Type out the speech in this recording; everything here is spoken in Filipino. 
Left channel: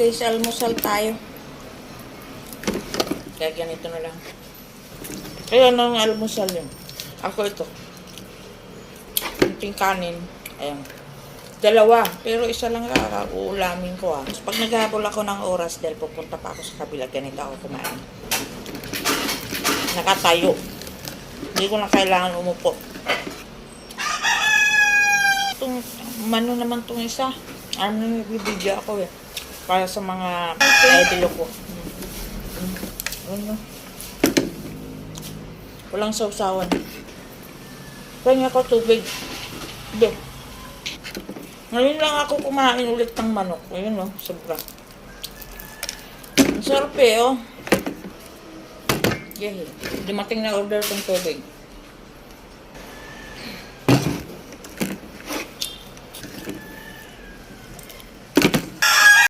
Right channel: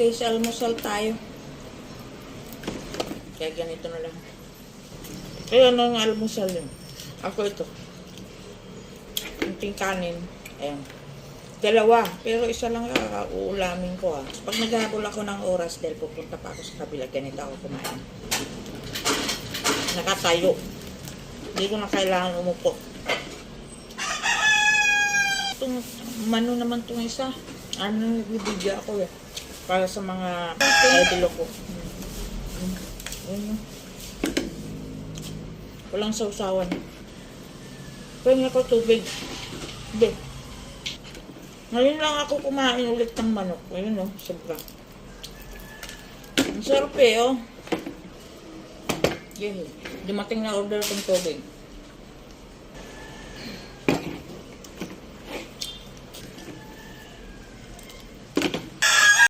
guys, almusal tayo. Kaya ganito na lang. Kaya nang almusal yun. Ako ito. Yung kanin. Ayan. Dalawa. Pero isa lang uulamin ko. So, pag naghabol ako ng oras dahil pupunta pa ako sa kabila, ganito ako kumain. Nakatayo. Hindi ko na kailangan umupo. Itong mano naman itong isa. Ano nagbibidyo ako eh. Para sa mga idol ko. Ano? Walang sausawan. Kanya ko tubig. Hindi. Ngayon lang ako kumain ulit ng manok. Ayun o, sobra. Ang sarap eh, oh. Yay. Dumating na order kong tubig.